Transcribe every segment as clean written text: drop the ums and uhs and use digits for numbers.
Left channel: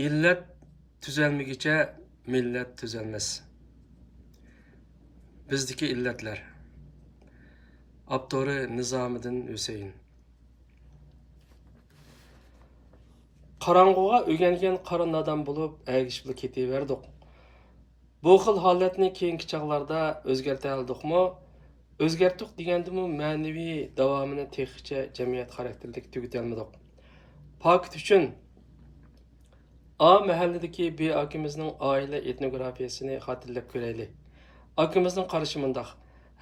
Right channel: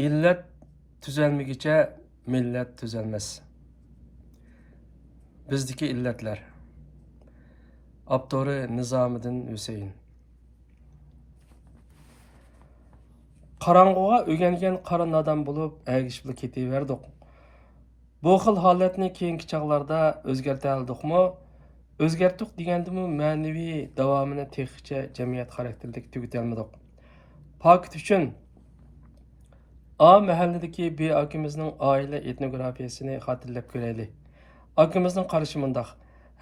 İllet tüzelmegiçe millet tüzelmez. Bizdeki illetler. Abdori Nizamiddin Hüseyin. Qarang'uga o'rgangan qarin odam bo'lib, әгішілі ketaverdik. Bu xil holatni keyingi chaqlarda o'zgartirdikmi? O'zgartdik degandimi ma'naviy davomini texnicha jamiyat xarakterlik tugatolmadik. Paket uchun A mahalladagi B akimizning oila etnografiyasini xotirlab ko'raylik. Akimizning qarashi mundaq.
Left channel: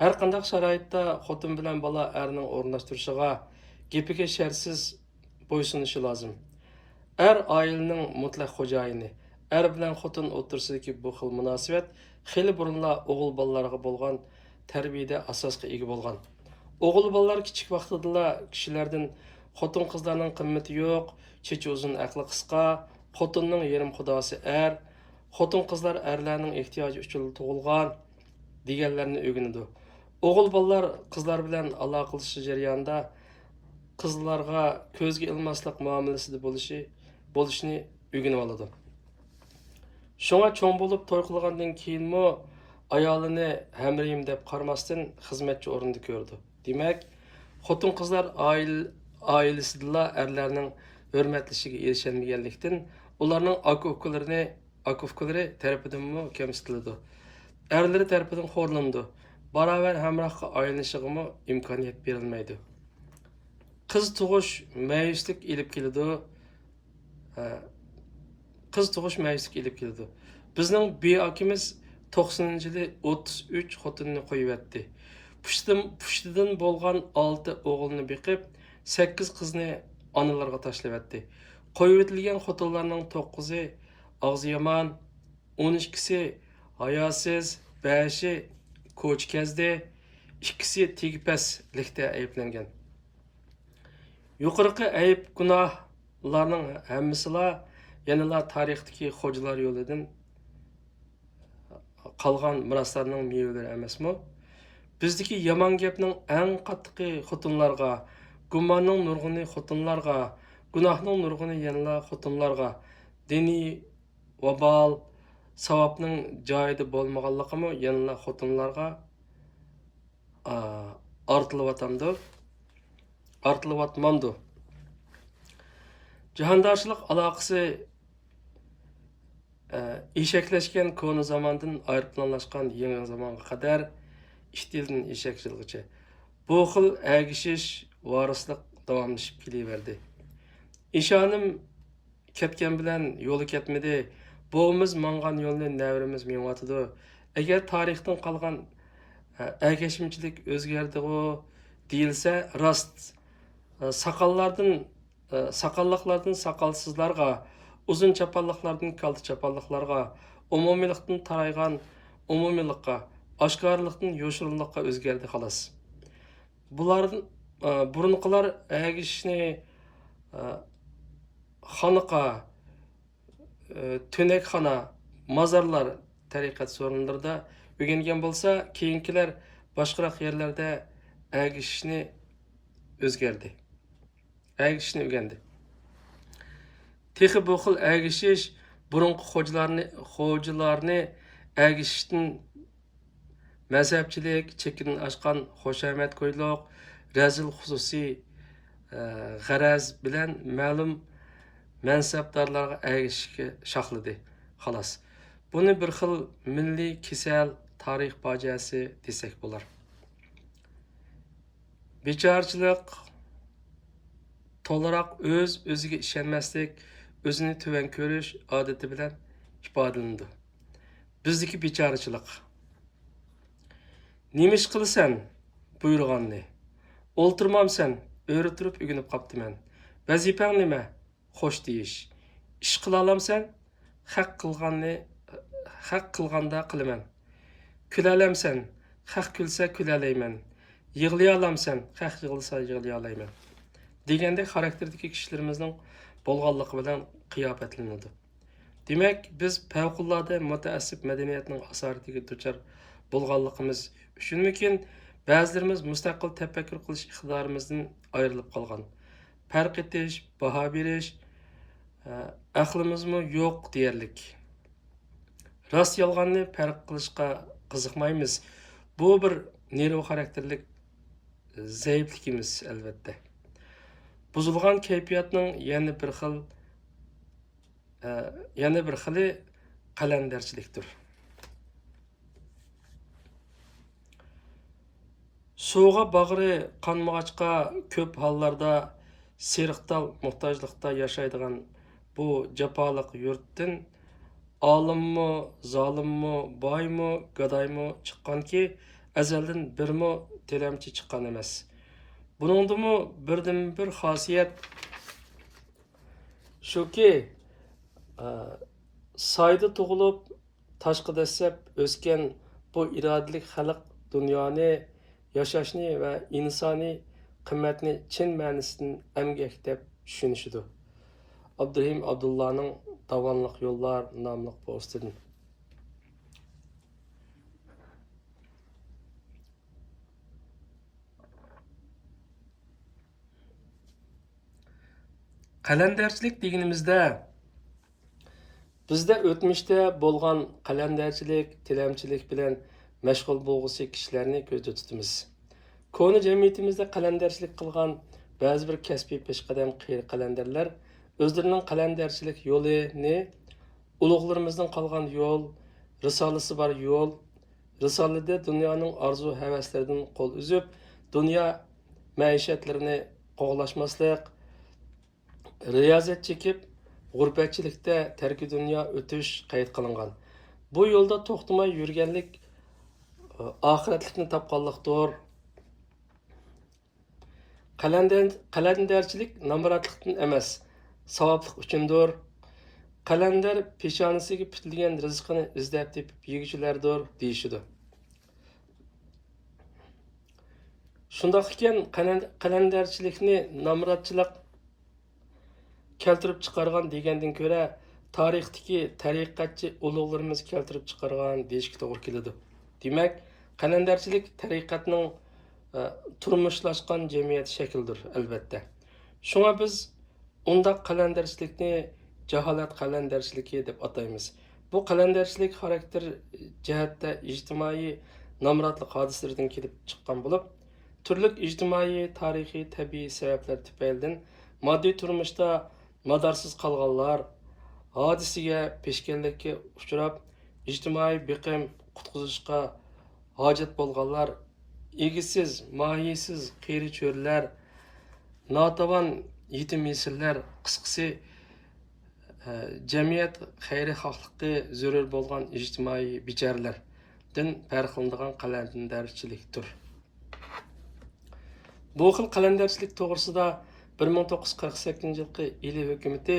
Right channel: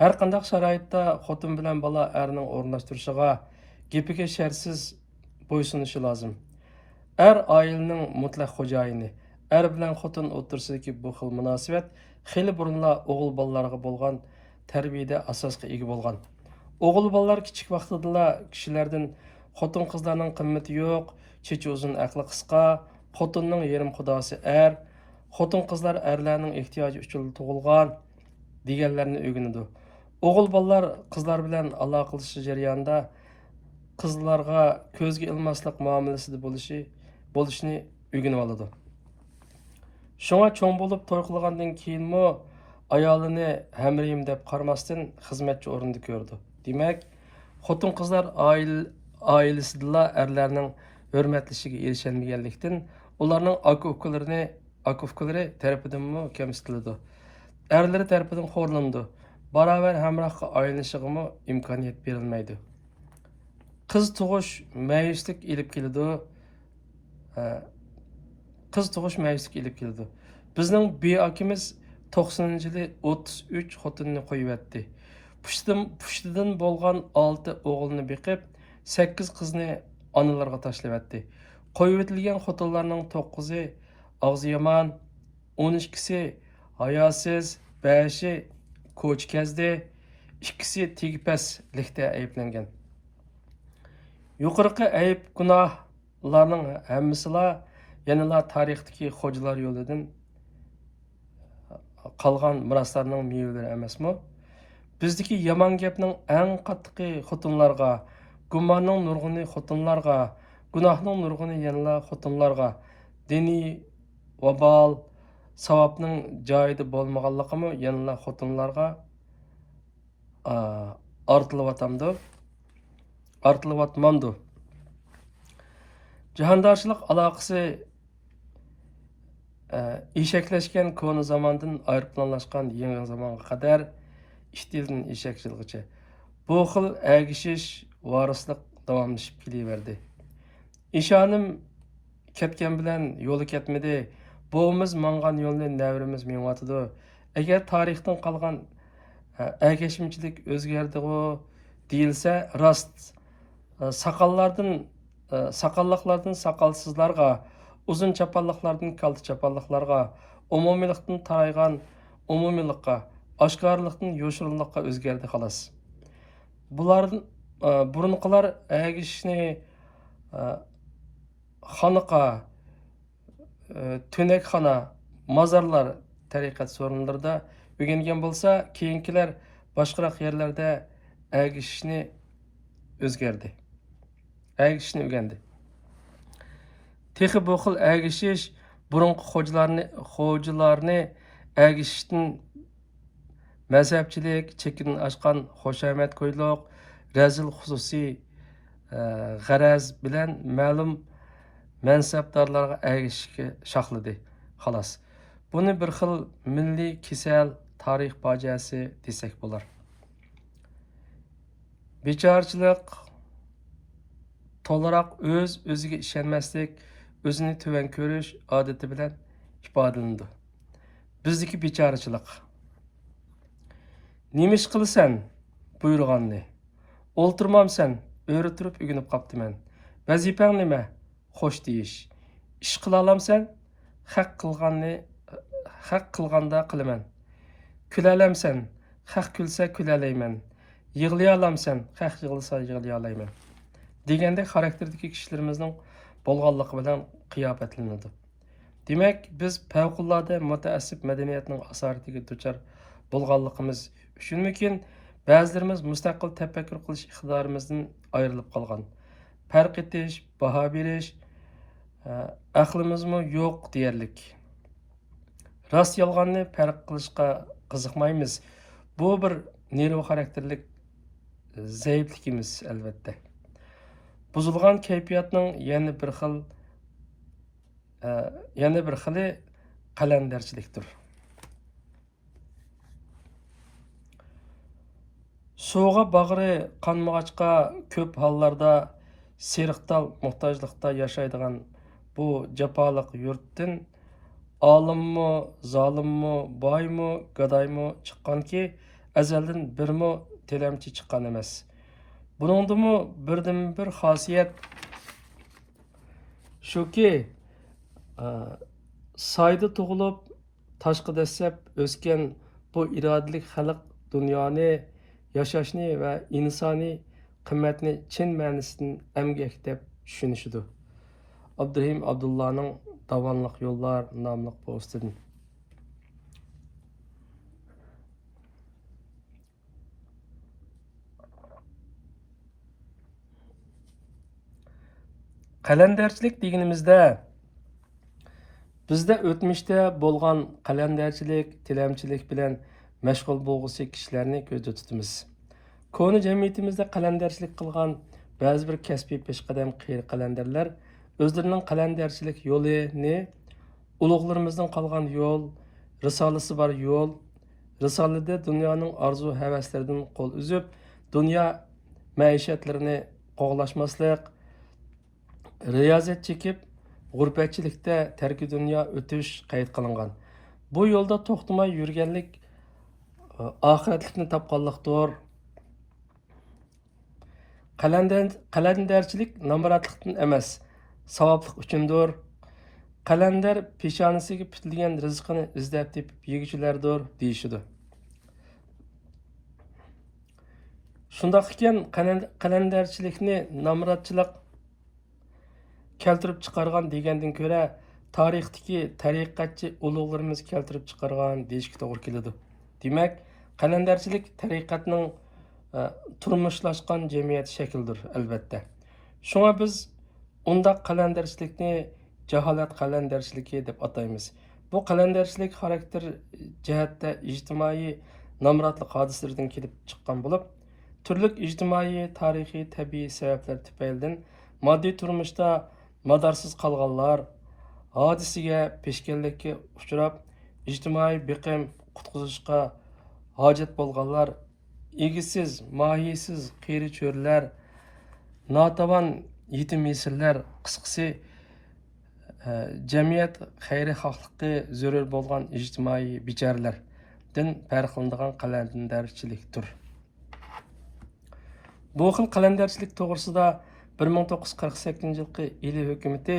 Har qanday sharoitda xotin bilan bola erning o'rnashtirishiga, gapiga shartsiz bo'ysunishi lozim. Er ailening mutlaq xo'jayini. Er bilan xotin o'rtasidagi bu xil munosabat xeyli burunla o'g'il bolalarga bo'lgan tarbiyada asosga ega bo'lgan. O'g'il bolalar kichik vaqtida kishilardan xotin qizlarning qimmati yo'q, chechi uzun aqli qisqa, xotinning yarim xudosi er, xotin qizlar erlarning ehtiyoji uchun tug'ilgan deganlarni o'rganadi. O'g'il bolalar qizlar bilan aloqalash jarayonida qizlarga ko'zga ilmaslik muomalasida bo'lishni o'rganib oladi. Shunga cho'ng bo'lib to'y qilgandan keyinmi ayolini hamriyim deb qaramasdan xizmatchi o'rinda ko'rdi. Demak, xotin qizlar oilasidagi erlarning hurmatlashiga erishilmaganlikdan ularning aka-ukalari tarafidan kamsitiladi. Erleri tarafidan xo'rlandi. Baravar hamrohga aylanishig'imi imkoniyat berilmaydi. Qiz tug'ish mayuslik ilib keladi. Bizning B akimiz 90-yili 33 xotinni qo'yibdi. Pushtidan bo'lgan 6 o'g'ilni beqib, 8 qizni onalarga tashlabdi. Qo'yitilgan xotinlarning 9i og'zi yomon, 12si hayosiz, 5i ko'chkazdi, 2si tegpaslikda ayblangan. Yuqorqi ayb gunohlarning hammasilar yanıla tarixdagi xo'jalar yo'lidan qolgan miroslarning mevalari emasmi? Bizdagi yomon gapning eng qattiqi xotinlarga, gumonning nurg'uni xotinlarga, gunohning nurg'uni yanıla xotinlarga, diniy vabal, savobning joyida bo'lmaganligimi yanıla xotinlarga artilyotmamdi. Jahondoshlik aloqasi eshakleşken konu zamandan ayrıplanlaşkan yeni zamana kadar iştilden eşekçilgiçe. Bu xil ägişiş, varıslık davamlaşıp keliverdi. İşanım ketken bilen yolu ketmedi. Boğumuz mangan yolunu nevrimiz meňatydy. Eger tarihten kalgan ägeşimçilik özgerdi o deyilse rast sakallıklardan sakalsızlarga, uzun çapallıklardan kaldı çapallıklarga, umumiylikten taraygan umumiylikka, aşkarlıktan yoşurunlukka özgerdi halas. Bulardan burunqılar ägişini xanıqa, tönekxana, mazarlar tariqat sorunlarda öğrengen bolsa, keyinkiler başqarak yerlerde ägişini özgerdi. Ägişini öğrendi. Texi bu xil ägişiş burunqı xo'jalarni ägişishdan mazhabchilik, chekin aşqan xoşamat ko'yliq, razil xususiy g'araz bilan ma'lum mansabdorlarga ägişishga shoxladi. Xolos. Buni bir xil milliy kesal tarix fojiasi desak bo'lar. Bechorchilik, to'liq o'ziga ishonmaslik, o'zini tuvan ko'rish odati bilan ifodalandi. Bizdagi bechorchilik. Nemish qilsan buyurganni? O'ltirmamsan, o'ri turib o'ginib qoptiman. Vazifang nima? Xo'sh deyish. Ish qila olamsan? Haq qilganda qilaman. Kula olamsan? Haq kulsa kula olayman. Yig'lay olamsan? Haq yig'lasa yig'lay olayman. Degende xarakterdagi kishilarimizning bo'lganligi bilan qiyofatlanadi. Demak, biz favqulodda mutaassib madaniyatning asoratiga duchor bo'lganligimiz uchunmikin ba'zilarimiz mustaqil tafakkur qilish iqtidorimizdan ayrilib qolgan. Farq etish, baho berish, aqlimizmi yo'q deyarlik. Rost yolg'onni farq qilishga qiziqmaymiz. Bu bir nerv xarakterlik zaifligimiz albatta. Buzilgan kayfiyatning yana bir xili qalandarchilikdir. Suğa bag'ri qanmag'achqa ko'p hollarda seriqtal muhtojlikda yashaydigan bu jafoliq yurtdan olimmi, zolimmi, boymi, gadoymi chiqqanki, azaldan birmi tilamchi chiqqan emas. Buningdimi birdan bir xosiyat shuki, soyda tug'ilib, toshqa dasab o'sgan bu irodalik xalq dunyoni, yashashni va insoniy qimmatni chin ma'nosidan emgak deb tushunishidi. Abdurahim Abdullahning Davonliq yo'llar nomli postidan. Qalandarchilik deganimizda bizda o'tmishda bo'lgan qalandarchilik, tilamchilik bilan mashg'ul bo'lg'usi kishilarni ko'zda tutamiz. Koni jamiyatimizda qalandarchilik qilgan ba'zi bir kasbiy peshqadam qalandarlar o'zlarining qalandarchilik yo'lini ulug'larimizdan qolgan yo'l, risolasi bor yo'l, risolada dunyoning orzu havaslaridan qo'l uzib, dunyo maishatlarini qo'g'lashmaslik, riyozat chekib, g'urbatchilikda tarki dunyo o'tish qayd qilingan. Bu yo'lda to'xtamay yurganlik oxiratlikni topganlikdir. Qalandarchilik nomratlikdan emas, savoblik uchundir. Qalandar peshonasiga bitilgan rizqini izlab tepib yeguvchilardir deyishidi. Shundoq ekan, qalandarchilikni nomratchilik keltirib chiqargan degandan ko'ra tarixdagi tariqatchi ulug'larimiz keltirib chiqargan deyishga to'g'ri keladi. Demak, qalandarchilik tariqatning turmushlashgan jamiyat shaklidir albatta. Shunga biz unda qalandarchilikni jaholat qalandarchiligi deb ataymiz. Bu qalandarchilik xarakter jihatda ijtimoiy nomratlik hodisalaridan kelib chiqqan bo'lib, turli ijtimoiy, tarixiy, tabiiy sabablar tufaylidan moddiy turmushda madarsiz qolganlar, hodisiga, peshkanlikka uchrab, ijtimoiy biqim qutqizishga hojat bo'lganlar, egisiz, mohiysiz qiyri cho'rlar, notavon yetim yesirlar, qisqasi jamiyat xayri xohligi zarur bo'lgan ijtimoiy bicharalardan farqlanadigan qalandarchilikdir. Bu xil qalandarchilik to'g'risida 1948 yılı ili hükümeti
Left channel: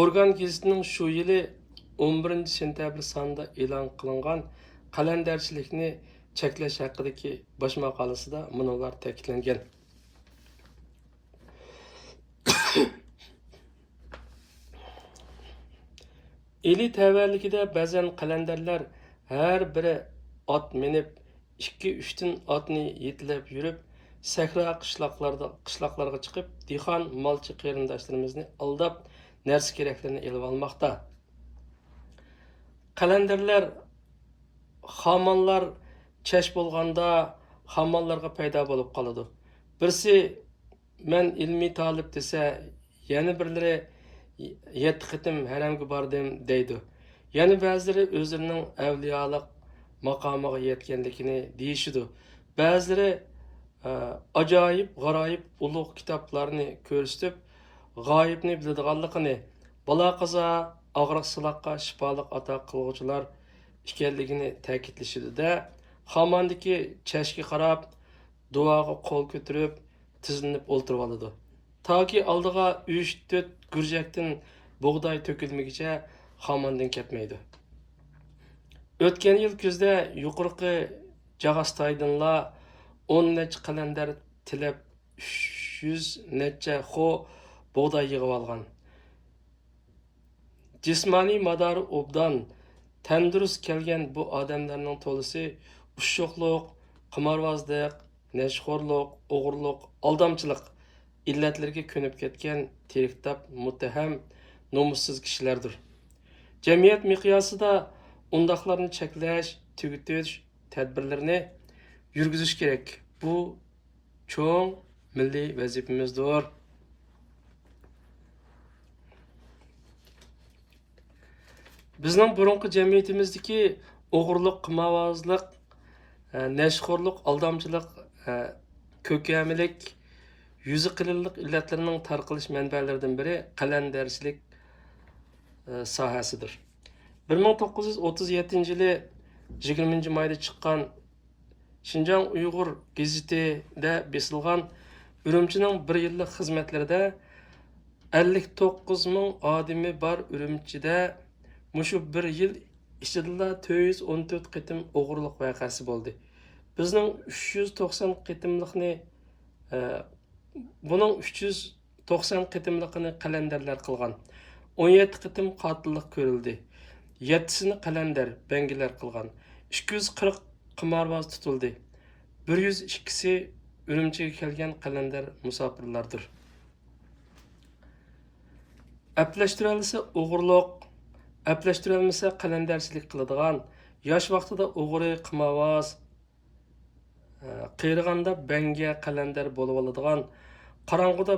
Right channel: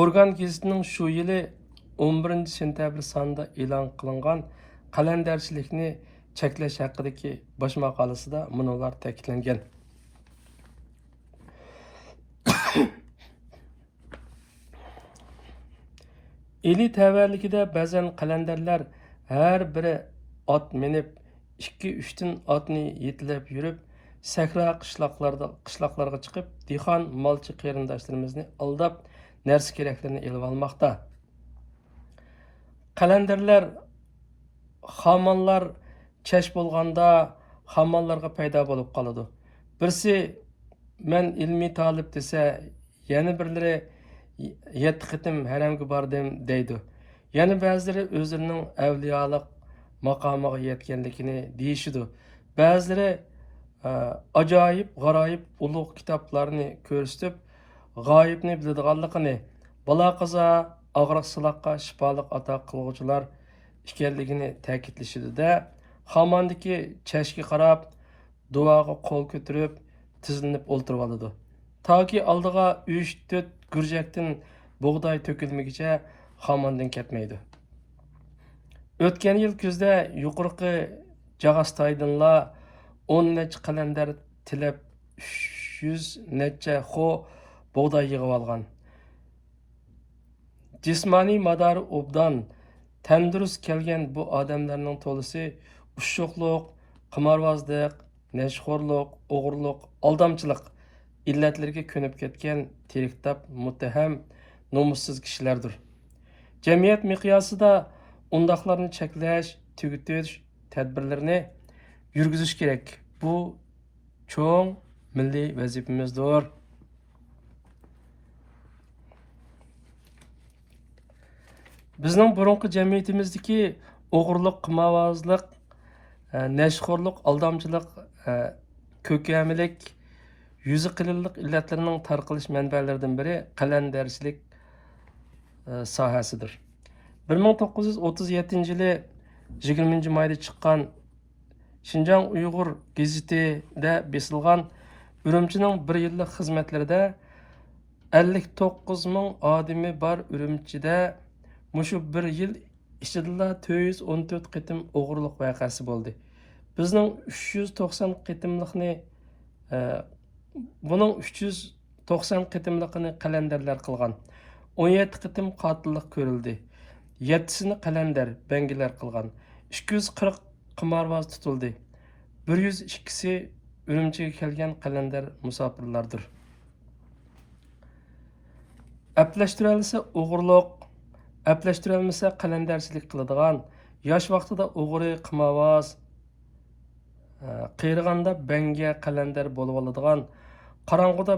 Organ gezitining shu yili 11 sentabr sonida e'lon qilingan qalandarchilikni cheklash haqidagi bosh maqolasida munolar ta'kidlangan. Eli tavalligida ba'zan qalandarlar har biri ot minib 2-3 dan otni yetilab yurib sahra qishloqlarga chiqib, dehqon molchi qarindoshlarimizni aldab, narsa keraklarni elib olmoqda. Qalandarlar xamonlar chash bo'lganda xamonlarga paydo bo'lib qoladi. Birsi men ilmiy talib desa, yana birlari 7 qitim haramga bordim deydi. Yana ba'zilari o'zlarining avliyolik maqomiga yetganligini deyishidi. Ba'zilari ajoyib, g'aroyib ulug' kitoblarni ko'rsatib, g'oyibni biladiganligini, balo qazo, og'riq-siloqqa shifoliq ato qiluvchilar ekanligini ta'kidlashdi-da, xamondagi chashga qarab, duoga qo'l ko'tarib, tizilib o'ltirib oladi. Toki oldiga 3-4 gurjakdan bug'doy to'kilmaguncha xamondan ketmaydi. O'tgan yil kuzda yuqorqi Jag'astoydinla 10 necha qalandar tilab 300 necha xo bug'doy yig'ib olgan. Jismoniy madori obdan, tandurust kelgan bu odamlarning to'lisi ushuqliq, qimorbozlik, nashxo'rlik, o'g'irlik, aldamchilik, illatlarga ko'nib ketgan tiriktab, muttaham, nomussiz kishilardir. Jamiyat miqyosida undaqlarni cheklash, tugutish tadbirlarini yurgizish kerak. Bu cho'ng milliy vazifamizdir. Bizning burunqi jamiyatimizdagi o'g'irlik, qimorvozlik, nashxo'rlik, aldamchilik, ko'kamilik, yuzi qilinliq illatlarning tarqalish manbalaridan biri qalandarchilik sohasidir. 1937 yılı 20 mayda chiqqan Şinjan Uyg'ur gazetida besilgan Ürümchining bir yillik xizmatlarida 59 ming odami bor Ürümchida mushu bir yil ichida 414 qitim o'g'irlik voqeasi bo'ldi. Bizning 390 qitimlikni buning 390 qitimlikini qalandarlar qilgan. 17 qitim qotillik ko'rildi. 7sini qalandar, bangilar qilgan. 240 qimorvoz tutildi. 102si Ürümchiga kelgan qalandar musofirlardir. Əplashtirilsa o'g'irlik, əplashtirilmasa qalandarchilik qiladigan, yosh vaqtida o'g'ri, qimorvoz, qiyrilganda banga qalandar bo'lib oladigan, qorong'uda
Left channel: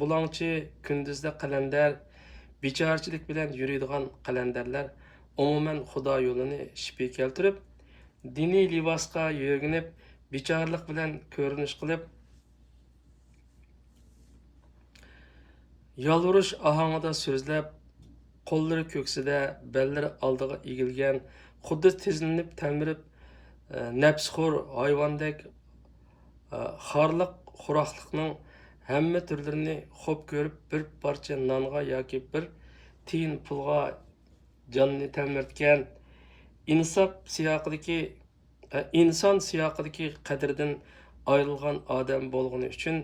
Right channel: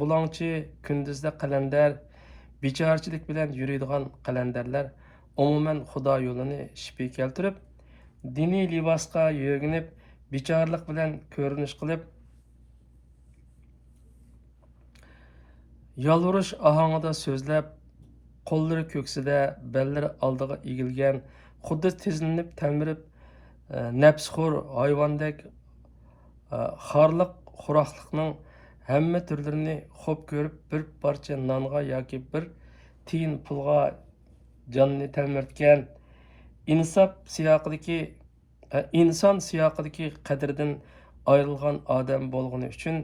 bulongchi, kunduzda qalandar, bechorchilik bilan yuradigan qalandarlar umuman Xudo yo'lini shipi keltirib, diniy libosga yo'ginib, bechorlik bilan ko'rinish qilib, yalvurish ohangida so'zlab, qo'llari ko'ksida, bellari oldiga egilgan, xuddi tizlanib, talmirib, nafsxo'r hayvondek xorliq, xuroqliqning hamma turlarini xo'p ko'rib, bir parcha nonga yoki bir tiyin pulga jonni talmirtgan, inson siyoqidagi qadridan ayrilgan odam bo'lgani uchun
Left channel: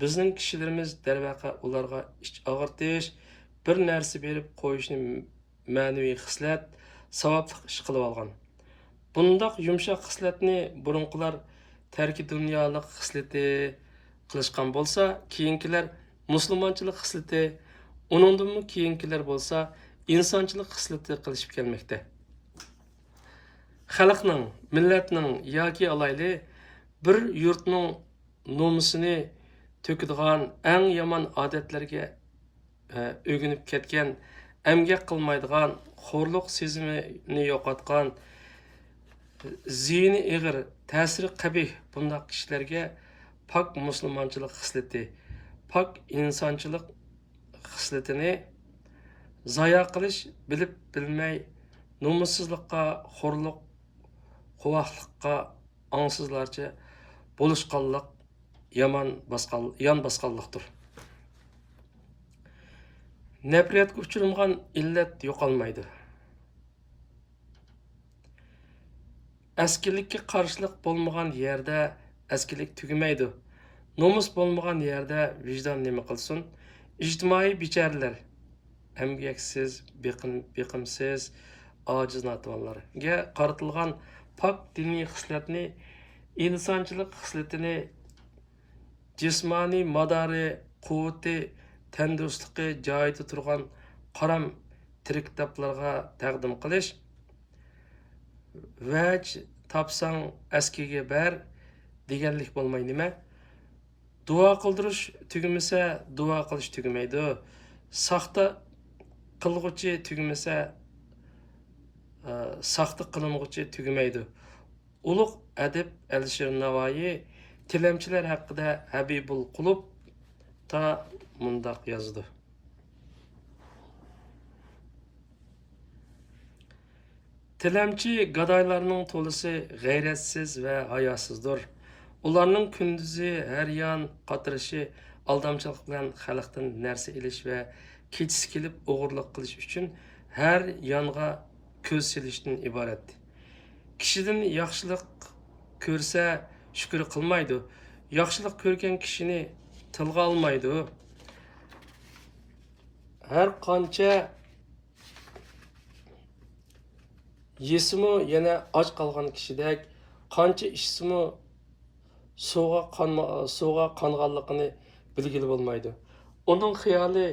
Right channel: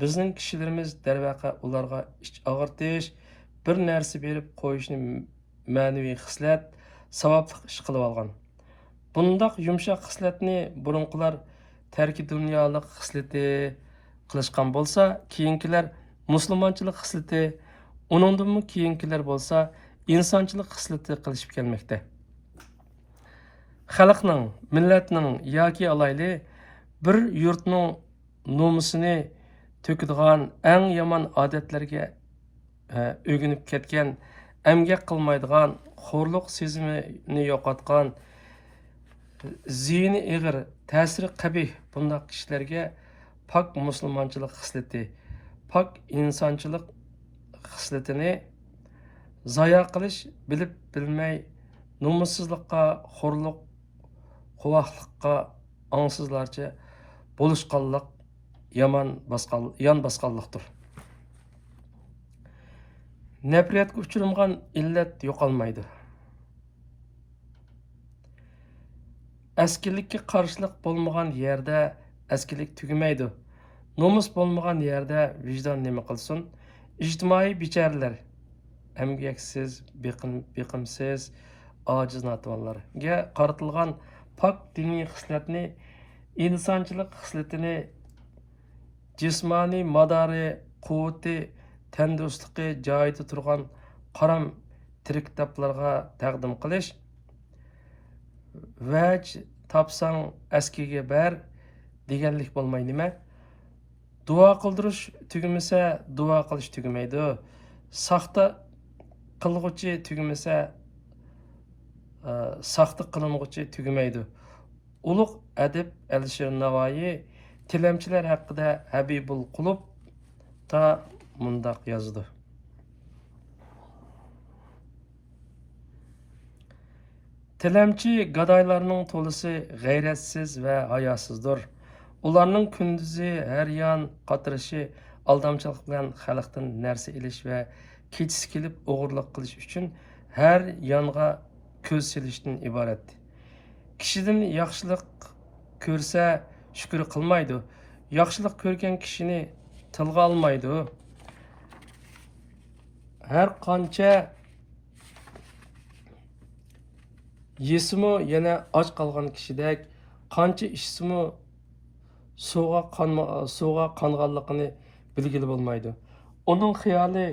bizning kishilarimiz darvaqa ularga ich og'irtish, bir narsa berib qo'yishni ma'naviy xislat, savobli ish qilib olgan. Bundaq yumshoq xislatni burunqilar tarki dunyolik xislati qilishgan bo'lsa, keyingilar musulmonchilik xislati, uningdan keyingilar bo'lsa insonchilik xislati qilishib kelmoqda. Xalqning, millatning yoki alayli bir yurtning nomusini to'kadigan eng yomon odatlarga o'ginib ketgan, emgak qilmaydigan, xo'rliq sezimini yo'qotgan, ziyni ig'ir, ta'siri qabih bunday kishilarga pok musulmonchilik xislati, pok insonchilik xislatini zoya qilish, bilib bilmay nomussizlikqa, xo'rliq, quvoqliqqa angsizlarcha bo'lishqanlik yon bosqanlikdir. Nafratga uchirgan illat yo'qolmaydi. Askirlikka qarshilik bo'lmagan yerda askirlik tugamaydi. Nomus bo'lmagan yerda vijdon nima qilsin? Ijtimoiy becharalar, emgaksiz, biqimsiz, ojiz notavonlarga qaratilgan pok diniy xislatni, insonchilik xislatini, jismoniy madori, quvvati, tandurustligi joyida turgan qaram tirik kitoblarga taqdim qilish, vaj topsang askiga ber deganlik bo'lmay nima? Duo qildirish tugmasa, duo qilish tugamaydi. Saxta qilg'uchi tugmasa, saxta qilinguchi tugamaydi. Ulug' adib Alisher Navoiy tilamchilar haqida Habibul Qulub ta mundaq yozdi. Tilamchi gadoylarning to'lisi g'ayratsiz va hayosizdir. Ularning kunduzi har yon qatirishi, aldamchilik bilan xalqdan narsa ilish va kechisi kelib o'g'irlik qilish uchun har yonga ko'z silishdan iborat. Kishidan yaxshilik ko'rsa shukr qilmaydi. Yaxshilik ko'rgan kishini tilga olmaydi. Har qancha yesimi yana och qolgan kishidek, qancha ichsimi suvga qonganligini bilgili bo'lmaydi. Uning xiyoli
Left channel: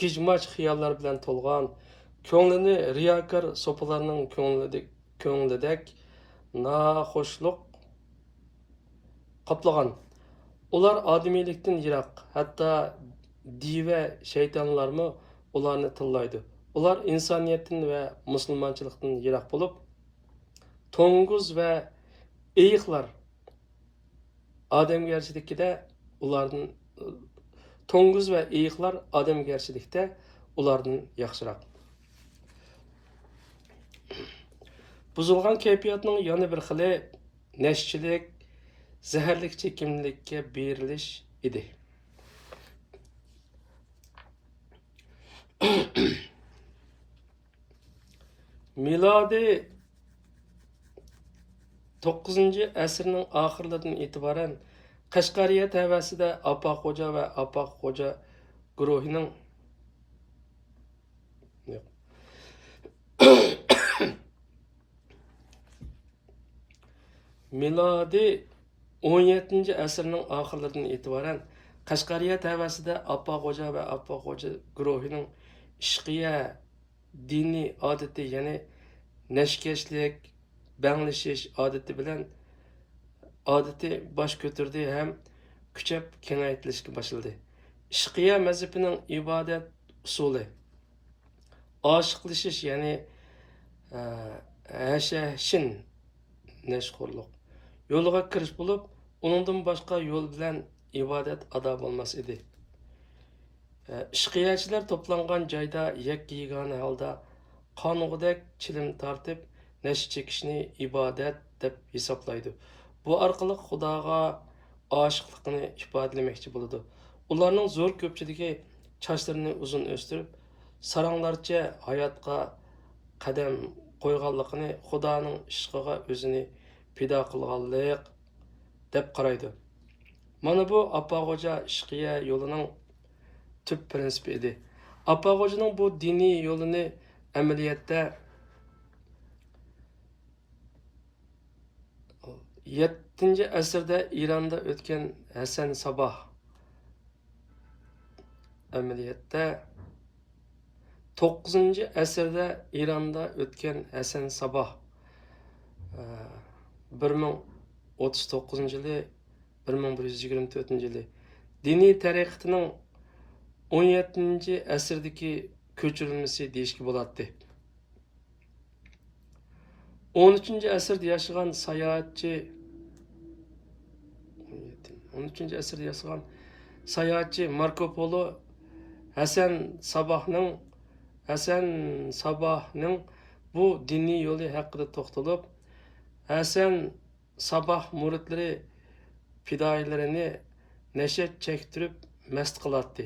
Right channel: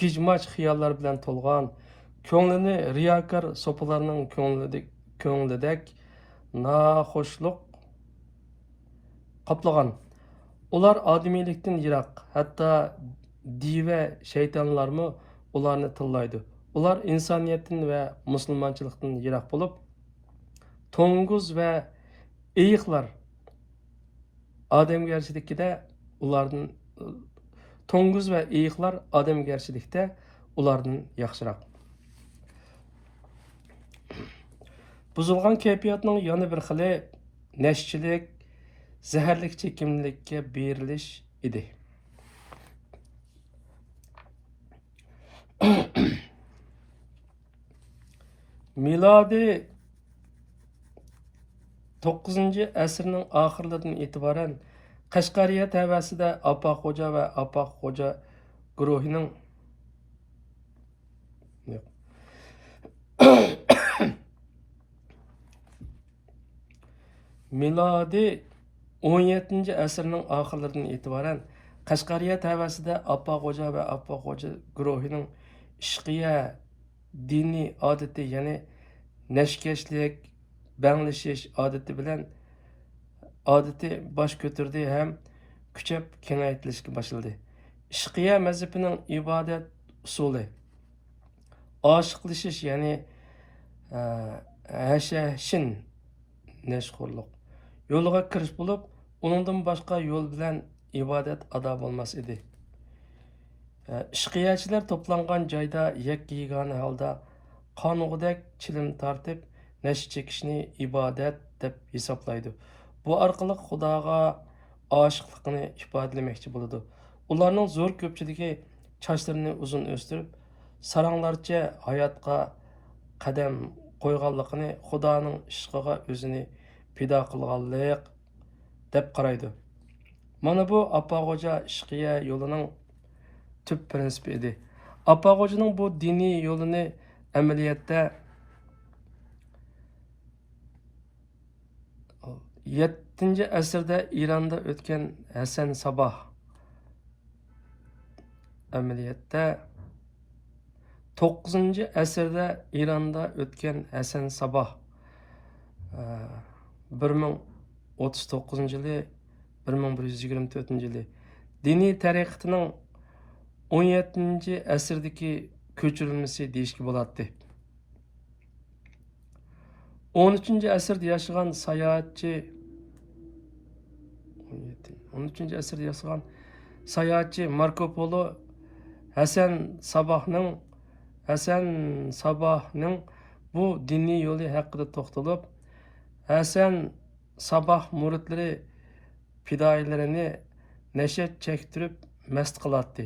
gijmoch xiyollar bilan to'lgan, ko'nglini riyokor so'pilarning ko'nglidek naxo'shlik qoplagan. Ular odamiylikdan yiroq, hatto diva shaytonlarmi ularni tillaydi. Ular insoniyatdan va musulmonchilikdan yiroq bo'lib, to'ng'iz va eyiqlar odamgarchilikda ulardan to'ng'iz va eyiqlar odamgarchilikda ulardan yaxshiroq. Buzilgan kayfiyatning yana bir xili nashchilik, zaharlik chekimlikka berilish edi. Miladi 9-asrning oxirlaridan e'tiboran Qashqariya tavasida Apaqo'ja va Apaqo'ja guruhining Miladi 17-asrning oxirlaridan e'tiboran Qashqariya tavasida Apaqo'ja va Apaqo'ja guruhining ishqiya diniy odati, ya'ni nashkashlik, banglashish odati bosh ko'tardi ham kuchab kengaytirilishga boshladi. Ishqiya mazhabining ibodat usuli oshiqlashish, ya'ni hashashin nashxo'rlik yo'liga kirish bo'lib, uningdan boshqa yo'l bilan ibodat ado bo'lmas edi. Ishqiyachilar to'plangan joyda yakka-yagona holda qonug'idek chilim tortib, nash chekishni ibodat deb hisoblaydi. Bu orqali Xudoga oshiqlikni ifodalamoqchi bo'ladi. Ularning zo'r ko'pchiligi sochlarini uzun o'stirib, saranglarcha hayotga qadam qo'yganligini Xudoning ishqiga o'zini pido qilganlik deb qaraydi. Mana bu Apaqo'ja ishqiya yo'lining tüp prinsipi edi. Apaqo'janing bu diniy yo'lini amaliyotda 7-asrda Ironda o'tgan Hasan Saboh amaliyotda 9-asrda Ironda o'tgan Hasan Saboh 1039-yili 1124-yili diniy tariqatining 17-asrdagi ko'chirilmasi deyishga bo'ladi. 13-asrda yashagan sayohatchi Marko Polo Hasan Sabohning bu diniy yo'li haqida to'xtalib, Hasan Saboh muridlari fidoyilarini nashat chektirib mast qiladi.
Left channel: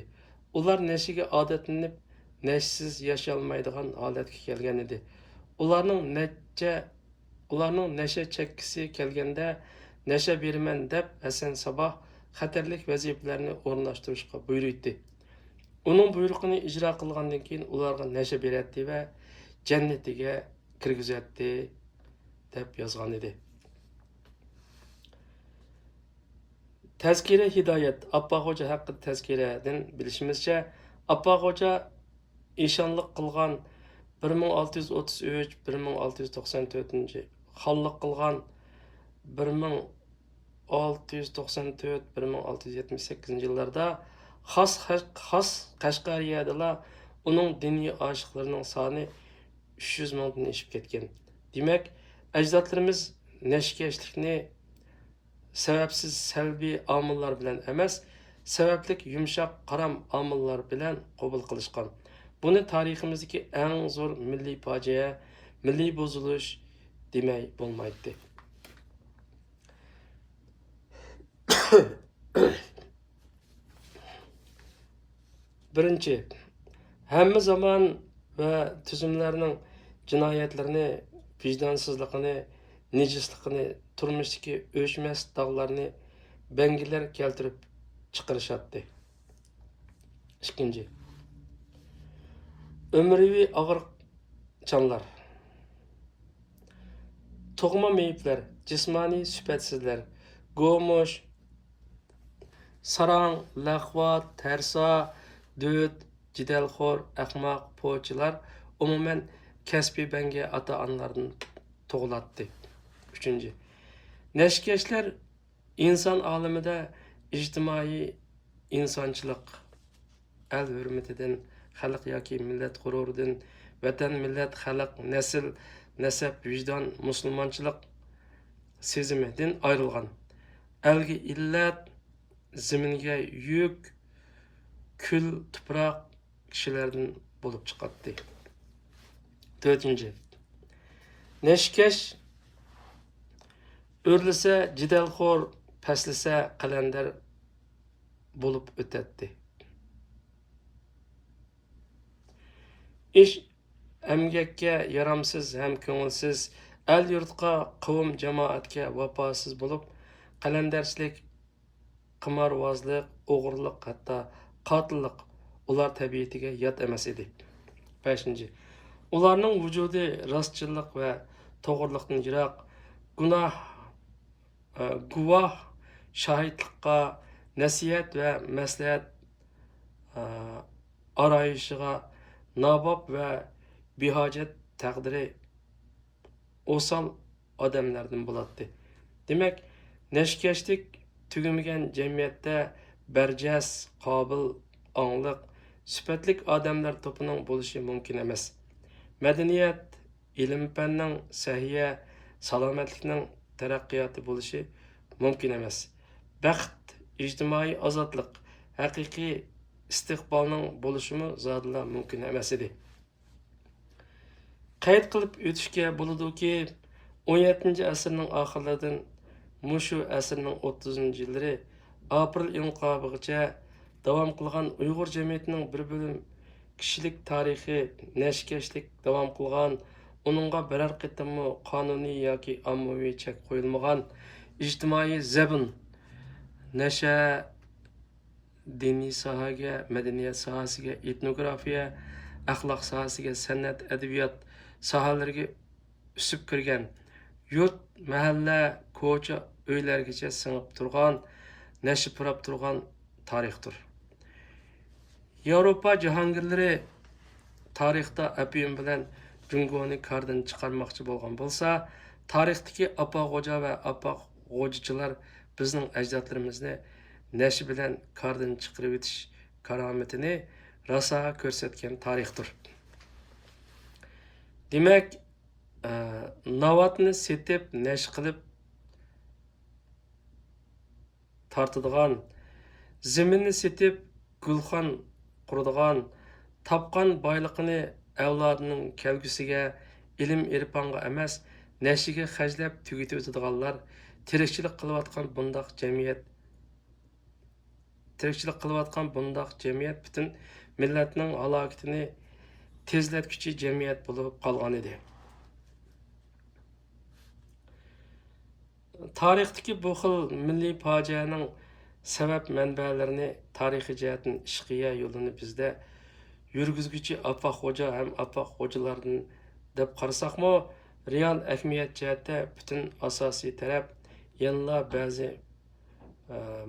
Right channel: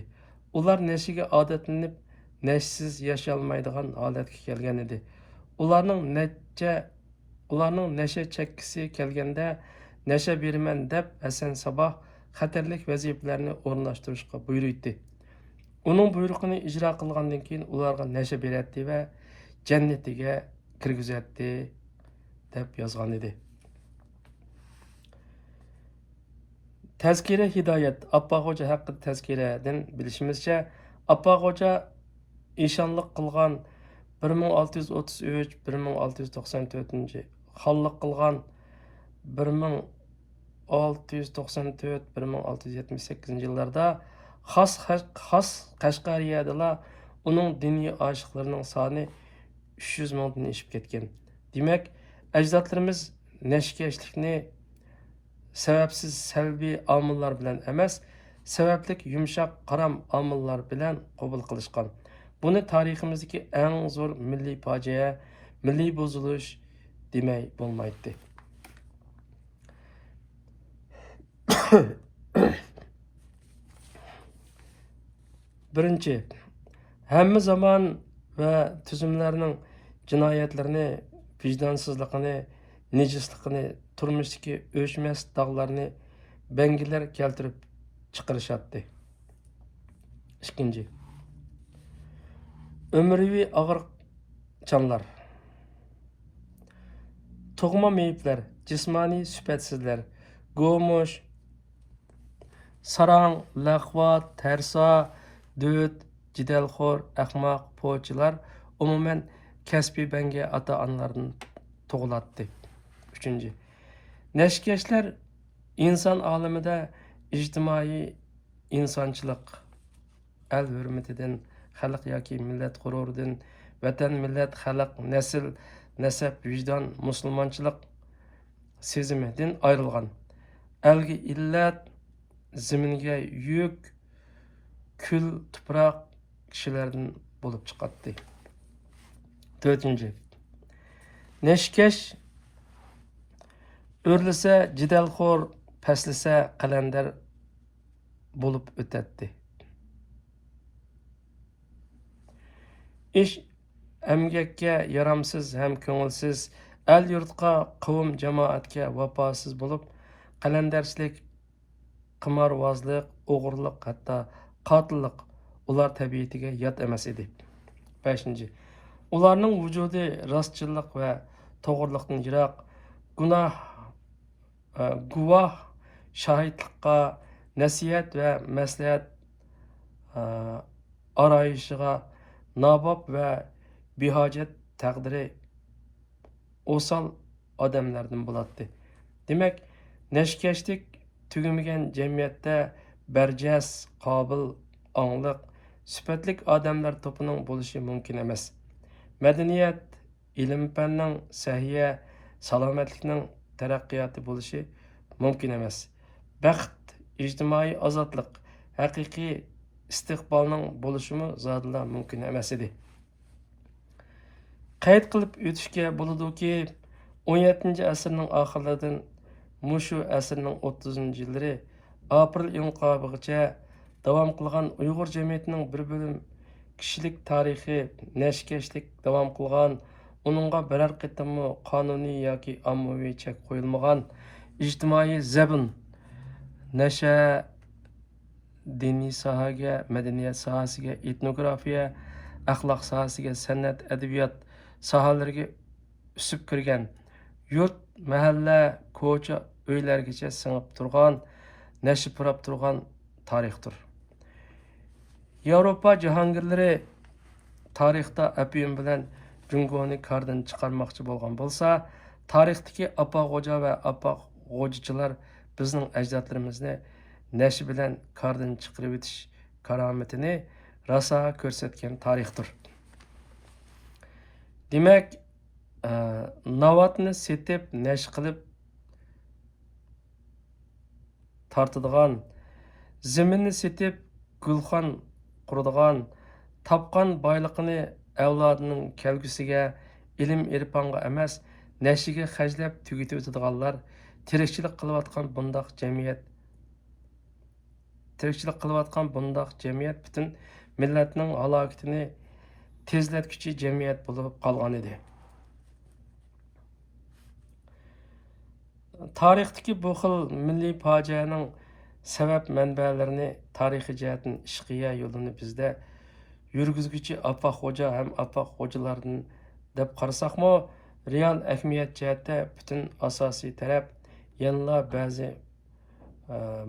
Ular nashiga odatlanib, nashsiz yasholmaydigan holatga kelgan edi. Ularning nasha chekkisi kelganda nasha beraman deb Hasan Saboh xatarlik vazifalarni o'rinlashtirishga buyurdi. Uning buyrug'ini ijro qilgandan keyin ularga nasha beradi va jannatiga kirgizadi deb yozgan edi. Tazkira hidoyat Apaqo'ja haqida tazkiradan bilishimizcha, Apaqo'ja ishonlik qilgan 1633-1694, xonlik qilgan 1694-1678 yillarda xos Qashqariyada uning diniy oshiqlarining soni 300 mingdan oshib ketgan. Demak, ajdodlarimiz nashkashlikni sababsiz salbiy omillar bilan emas, sabablik yumshoq qaram omillar bilan qabul qilishgan. Buni tariximizdagi eng zo'r milliy fojia, milliy buzilish demay bo'lmaydi. Birinchi, hamma zamon va tuzumlarning jinoyatlarini, vijdonsizligini, nejisligini, turmushdagi o'chmas dog'larni bangilar keltirib chiqarishadi. Ikkinchi, umriviy og'riqchanlar, tug'ma meyitlar, jismoniy sifatsizlar, go'mush, Sarang, laqvat, tersa, döt, jidalxo'r, ahmoq, po'chilar umuman kasbiy banga ota-onalardan tug'ilatdi. 3. Neşkeşler inson olamida ijtimoiy insonchilik, el hurmatidan, xalq yoki millat g'ururidan, vatan, millat, xalq, nasl, nasab, vijdon, musulmonchilik sezimidan ayrilgan. Elga illat, ziminga yük, kül, tuproq kishilardan bo'lib chiqadi. 4. Neşkeş o'rlisa jidalxo'r, paslasa qalandar bo'lib o'tadi. Ish emgakka yaramsiz ham ko'ngilsiz, el yurtqa, qavm jamoatga vafosiz bo'lib, qalandarchilik, qimorvozlik, o'g'irlik, hatto qotillik ular tabiatiga yot emas edi. 5. Ularning vujudi rostchilik va to'g'riliqdan yiroq, guvoh shohidlikqa, nasihat va maslahat arayışıga, nabob va behojat taqdiri o'sal odamlardan bo'ladi. Demak, nashkashlik tugamagan jamiyatda barjas, qobil, ongliq, sifatlik odamlar to'pining bo'lishi mumkin emas. Madaniyat, ilm-fanning, sahiya, salomatlikning taraqqiyoti bo'lishi mumkin emas. Baxt, ijtimoiy ozodlik, haqiqiy istiqbolning bo'lishimi zodila mumkin emas edi. Qayd qilib o'tishga bo'ladiki, 17-asrning oxirlaridan mushu asrning 30-yillari aprel inqilobigacha davom qilgan Uyg'ur jamiyatining bir bo'lim kishilik tarixi nashkashlik davom qilgan, uningga biror qitimmi qonuniy yoki ommaviy chek qo'yilmagan ijtimoiy zabun, nasha, diniy sohaga, madaniyat sohasiga, etnografiya, axloq sohasiga, san'at, adabiyot sohalariga o'sib kirgan, yurt, mahalla, ko'cha, uylargacha singib turgan, nashib turgan tarixdir. Yevropa jahongirlari tarixda apiyum bilan Jungoni kardan chiqarmoqchi bo'lgan bo'lsa, tarixdagi apoq-xo'ja va apoq-xo'jachilar bizning ajdodlarimizni nashi bilan kardan chiqarib o'tish karomatini rosa ko'rsatgan tarixdir. Demak, navatni setib, nash qilib tortadigan, zaminni setib gulxon quradigan, topgan boyliqini avlodining kelgusiga, ilm irfonga emas, nashiga xajlab tugitib o'tadiganlar tirikchilik qilayotgan bundoq jamiyat butun millatning halokatini tezlatguchi jamiyat bo'lib qolgan edi. Tarixdagi bu xil milliy fojianing sabab manbalarini tarixiy jihatdan ishqiya yo'lini bizda yurgizguchi apoq-xo'ja ham apoq-xo'jalardan deb qarasaqmi, real ahamiyat jihatda butun asosiy taraf yanla ba'zi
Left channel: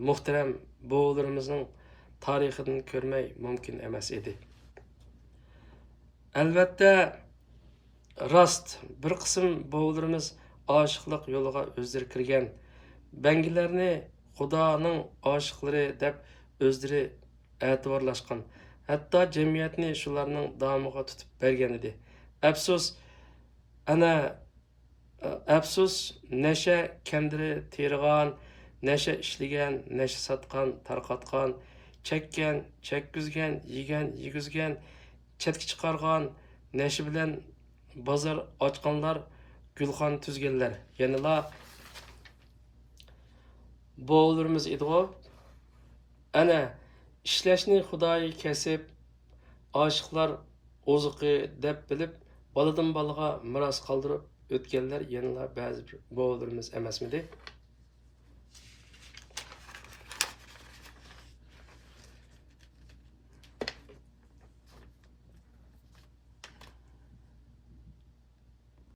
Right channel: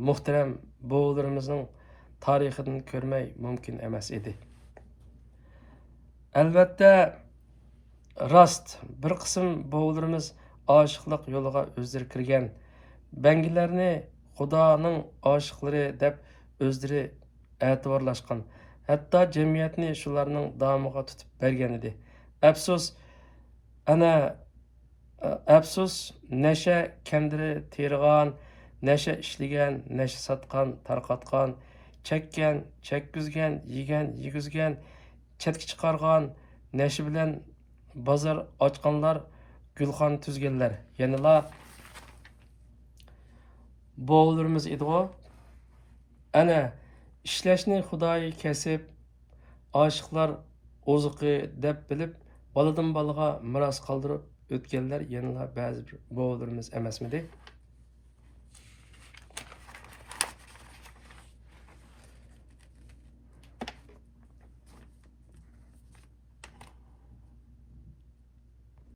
muhtaram buvlarimizning tarixidan ko'rmay mumkin emas edi. Albatta, rost bir qism buvlarimiz oshiqlik yo'liga o'zlari kirgan, bangilarni xudoning oshiqlari deb o'zlari e'tiborlashgan, hatto jamiyatni shularning davomiga tutib bergan edi. Afsus, nasha kendiri terg'an, nasha ishlagan, nasha sotgan, tarqatgan, chekkan, chekkizgan, yegan, yegizgan, chetga chiqargan, nasha bilan bozor ochganlar, gulxon tuzganlar, yanala bo'g'illarimiz edi-ku. Ana ishlashni xudoyi kasib, oshiqlar ozuqi deb bilib, baladan balaga miros qoldirib o'tganlar yanala ba'zi bo'g'illarimiz emasmidi?